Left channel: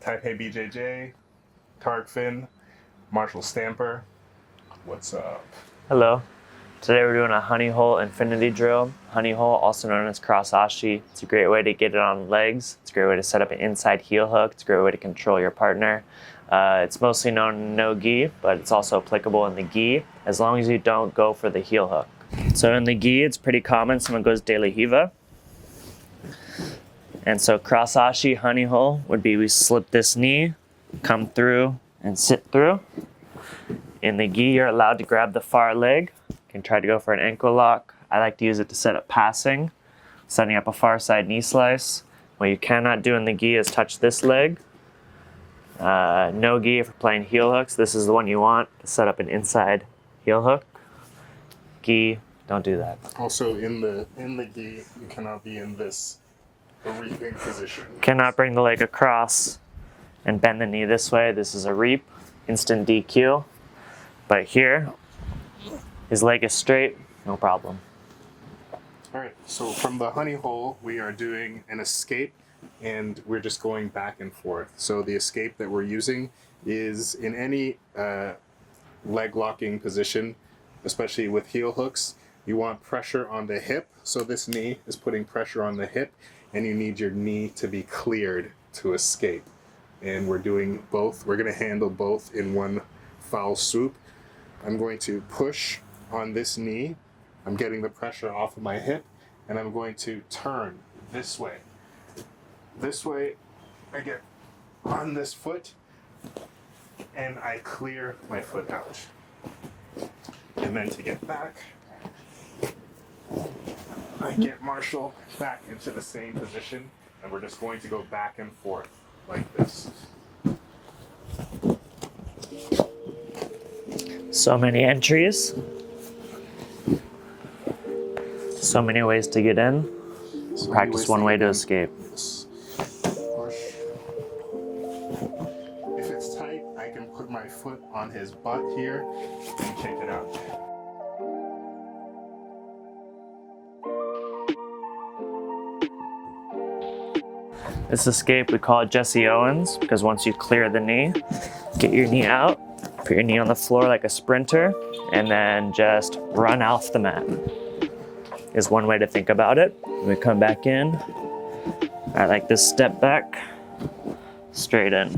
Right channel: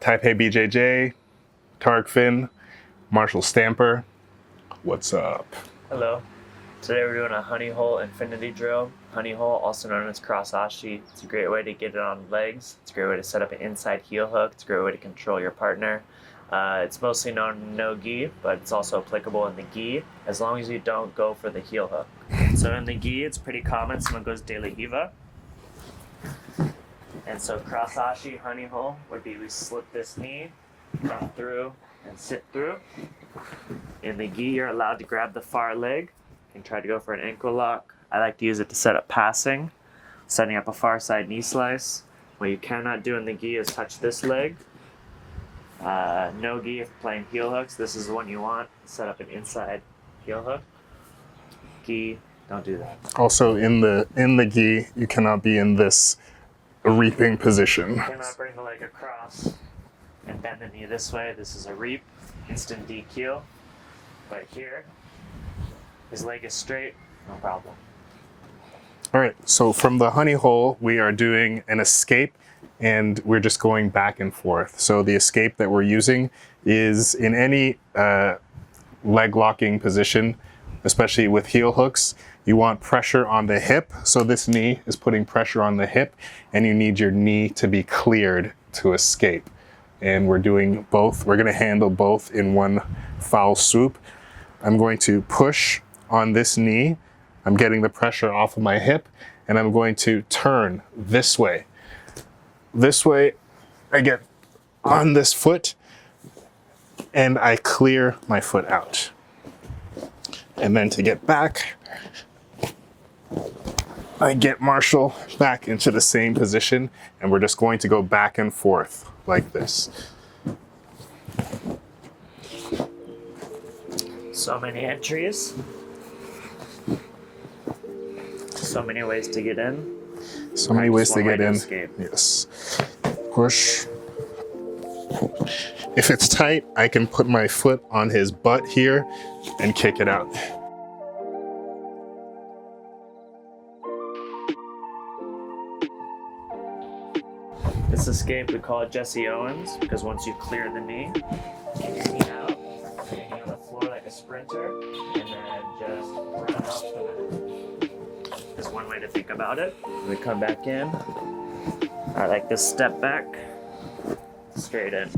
Taipei BJJ, Tarek Finn, Marshall Stamper. What's up? Hello. Today we're doing a honeyhole infinity drill. Honeyhole, also known as cross oshi. It's a great way to get it on legs. It's a great way to set up an inside heel hook. It's a great way to control your partner. It's mostly known in no gi, but it's also applicable in the gi, as long as you don't go for the heel hook. So in the gi, it's pretty common. Someone goes de la hiva. And so cross ashi honeyhole would be we slip this knee, come through, and sit through. In the gi, you're allowed to grab the far leg. You can try to go for an ankle lock. I like to use it to set up passing, setting up a far side knee slice. What you cannot do in the gi is touch this leg. No gi if you're playing heel hooks. This is the one you want to set up an inside heel hook. Gi, don't do that. Also in the gi, you cannot be in this reaping position. You cannot bring the leg across and bend the knee this way. This is a reap, instant DQ. But here, his leg is straight, no problem. All right, so from the honeyhole, we are doing an escape and we're just going back and forth. So the escape that we're using is in any leg locking position, especially with heel hooks. You want pressure on the hip. So this knee is putting pressure on the hip and you need your knee to be cleared to escape. And we're doing both. We're gonna handle both in one foul swoop. I'm going to push on this knee. I'm getting the pressure off of my hip and I'm going to turn this way. This way, I get on this foot and I clear my foot out. And then to get back, I get Marshall back into the same position and we're just going to go back and forth like this. So many entries. So many ways to get in. So many ways to get in. Escape. Yes. Push. If it's tight, I can put my foot on his butt here and kick it out. This escape, we call it Jesse Owens, because once you clear the knee, get your knee out, put your knee on the floor like a sprinter, and then just run off the mat. Is one way to think about it. We come back in. I like this step back, straight in.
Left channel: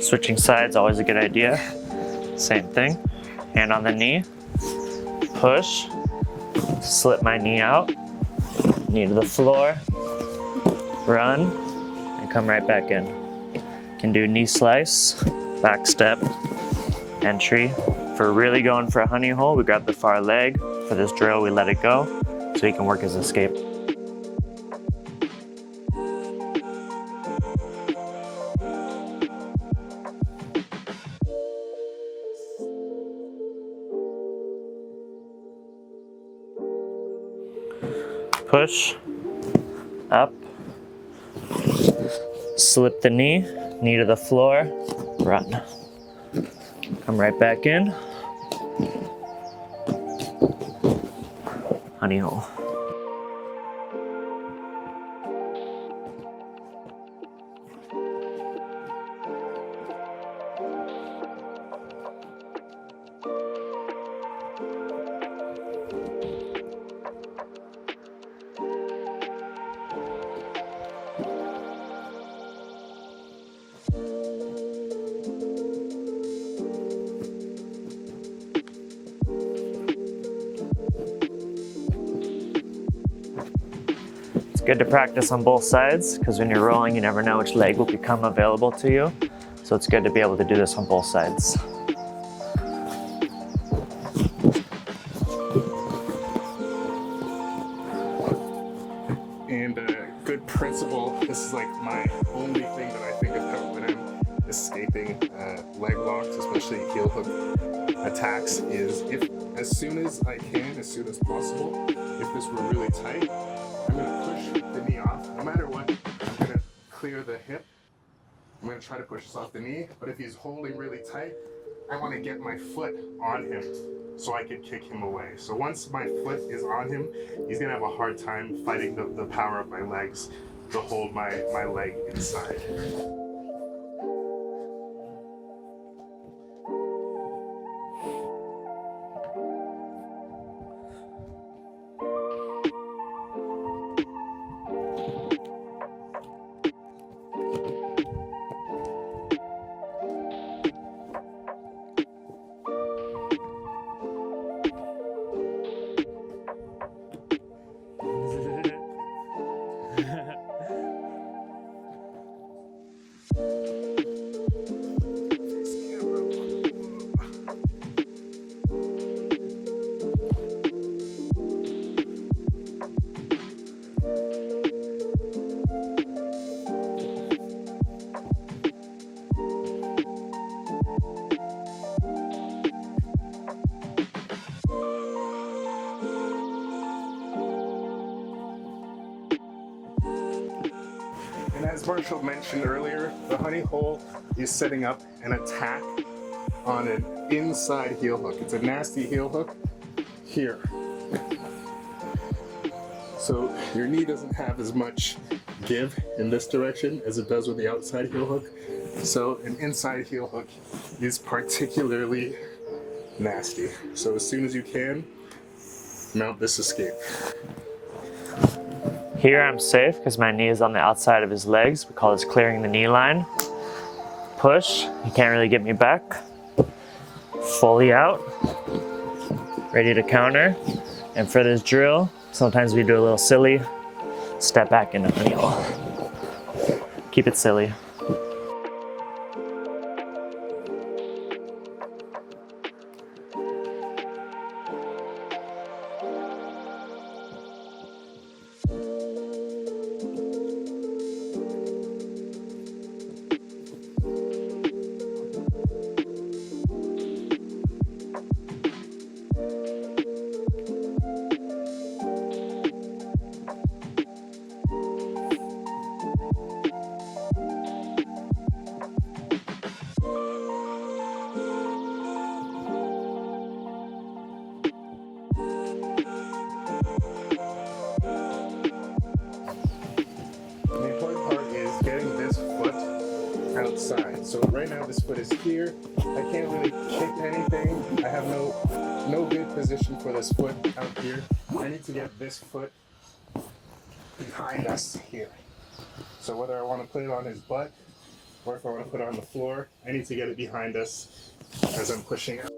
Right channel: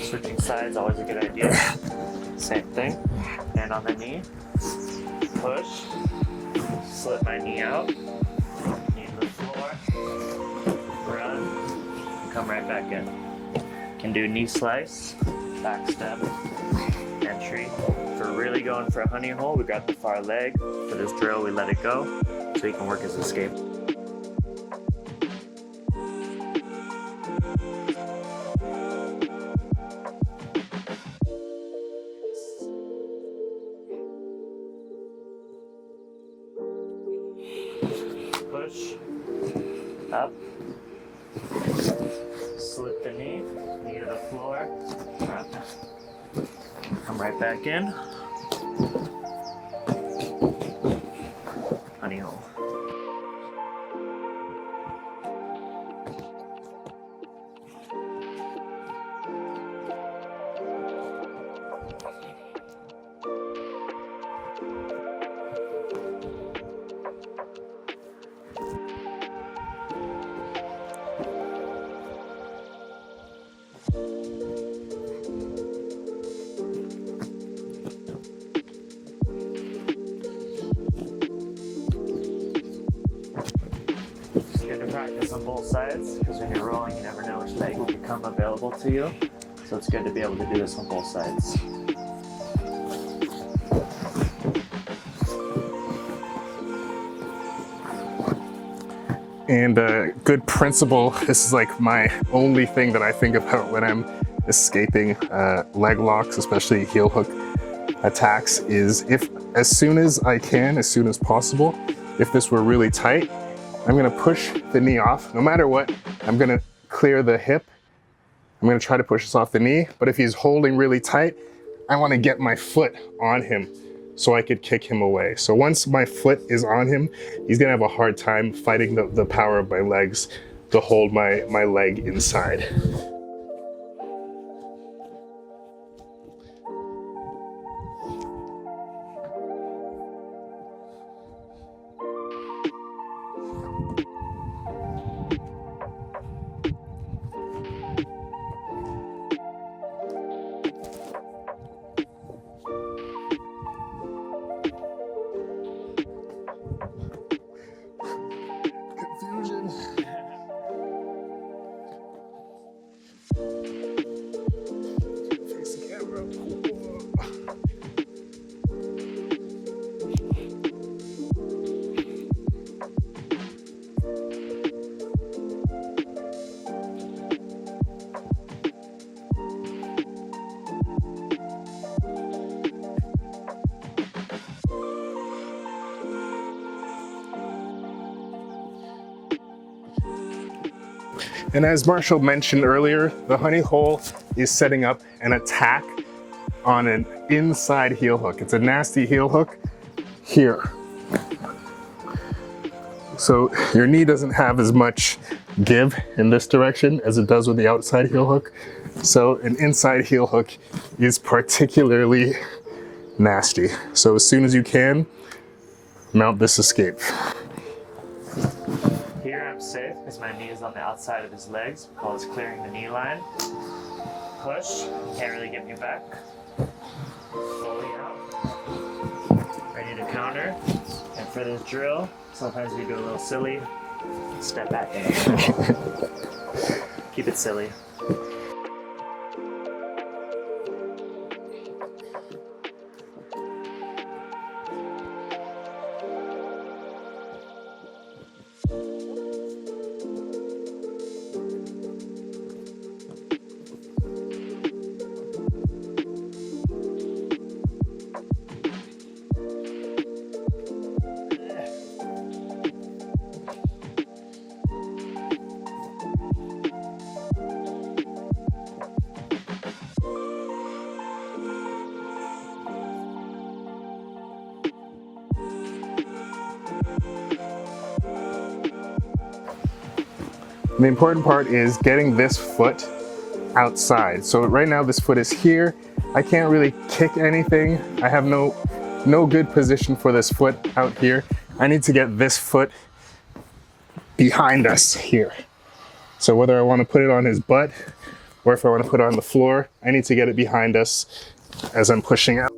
Switching sides, always a good idea. Same thing. Hand on the knee, push, slip my knee out, knee to the floor, run, and come right back in. Can do knee slice, back step, entry. If we're really going for a honey hole, we grab the far leg. For this drill, we let it go so he can work his escape. Push, up, slip the knee, knee to the floor, run. Come right back in. Honey hole. It's good to practice on both sides because when you're rolling, you never know which leg will become available to you. So it's good to be able to do this on both sides. And a good principle, this is like my only thing that I think about when I'm escaping leg locks, especially heel hook attacks, is if as soon as I can, as soon as possible, if this were really tight, I'm gonna push the knee off. No matter what, I'm gonna clear the hip I'm gonna try to push this off the knee, but if he's holding really tight, I wanna get my foot on him so I could kick him away. So once my foot is on him, he's gonna have a hard time fighting the power of my legs to hold my leg inside. And as Marshall mentioned earlier, the honey hole is setting up an attack on an inside heel hook. It's a nasty heel hook here. So your knee doesn't have as much give in this direction as it does with the outside heel hook. So an inside heel hook is particularly nasty. So as soon as you can, mount this escape. Here I'm safe because my knee is on the outside of his legs. We call this clearing the knee line. Push, he can't really get me back. Fully out, ready to counter. And for this drill, sometimes we do a little silly, step back in the knee. Keep it silly. The important part is getting this foot outside. So right now this foot is here. I can't really kick anything. I have no good position for this foot out here. I need to get this foot behind us here. So whether I want to put it on his butt or if I want to put it on the floor, I need to get it behind us as I'm pushing out.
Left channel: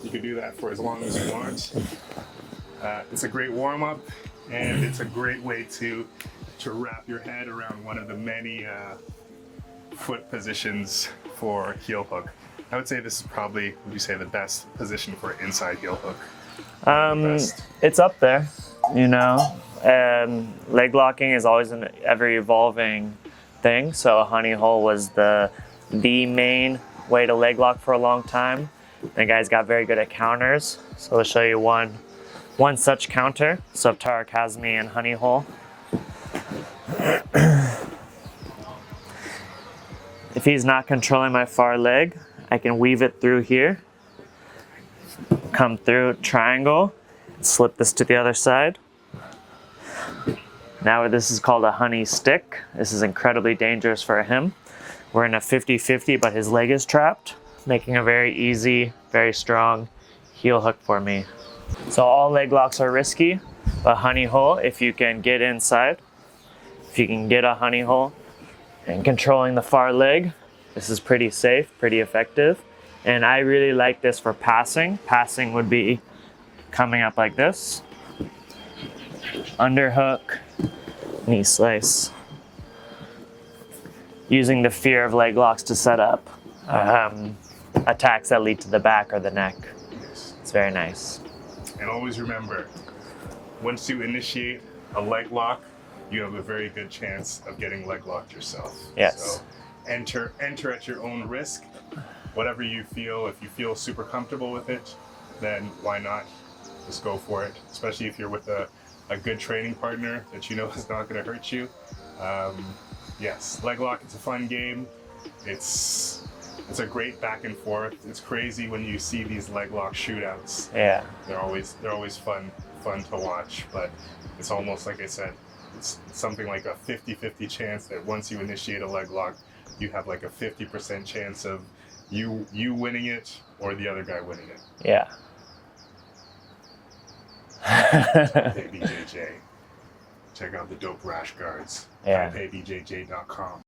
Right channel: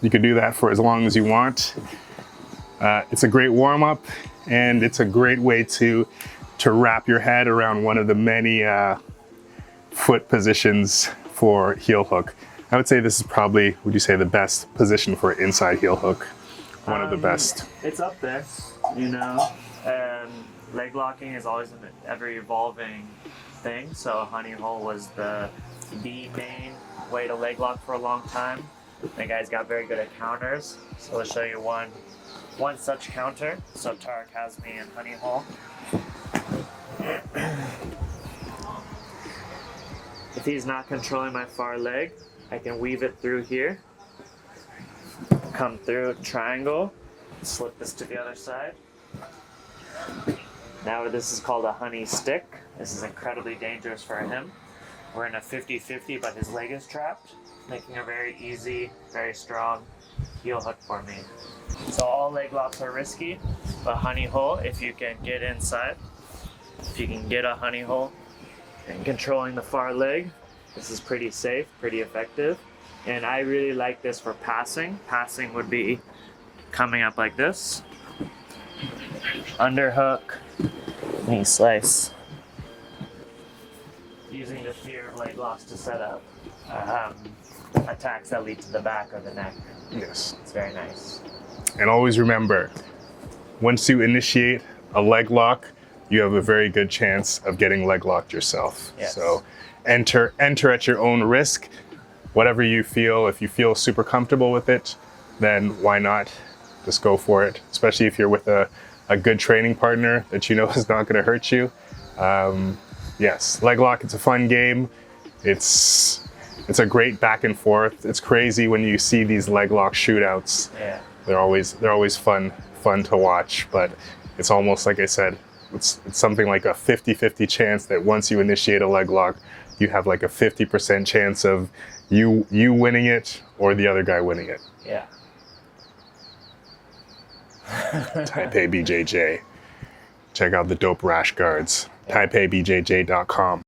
You can do that for as long as you want. It's a great warm-up, and it's a great way to wrap your head around one of the many foot positions for heel hook. I would say this is probably, would you say, the best position for inside heel hook? One of the best. It's up there, you know. Leg locking is always an ever-evolving thing, so a honey hole was the main way to leg lock for a long time. The guys got very good at counters, so I'll show you one such counter. So Tarek has me in honey hole. If he's not controlling my far leg, I can weave it through here, come through triangle, slip this to the other side. Now this is called a honey stick. This is incredibly dangerous for him. We're in a 50-50, but his leg is trapped, making a very easy, very strong heel hook for me. So all leg locks are risky, but honey hole, if you can get inside, if you can get a honey hole and controlling the far leg, This is pretty safe, pretty effective. And I really like this for passing. Passing would be coming up like this. Underhook, knee slice. Using the fear of leg locks to set up attacks that lead to the back or the neck. Yes. It's very nice. And always remember, once you initiate a leg lock, you have a very good chance of getting leg locked yourself. Yes. So enter at your own risk. Whatever you feel, if you feel super comfortable with it, then why not? Just go for it, especially if you're with a good training partner that you know is not going to hurt you. Yes, leg lock, it's a fun game. It's a great back and forth. It's crazy when you see these leg lock shootouts. Yeah. They're always fun to watch, but it's almost like I said, it's something like a 50-50 chance that once you initiate a leg lock, you have like a 50% chance of you winning it or the other guy winning it. Yeah. Type A BJJ. Check out the dope rash guards. Yeah. TypeABJJ.com.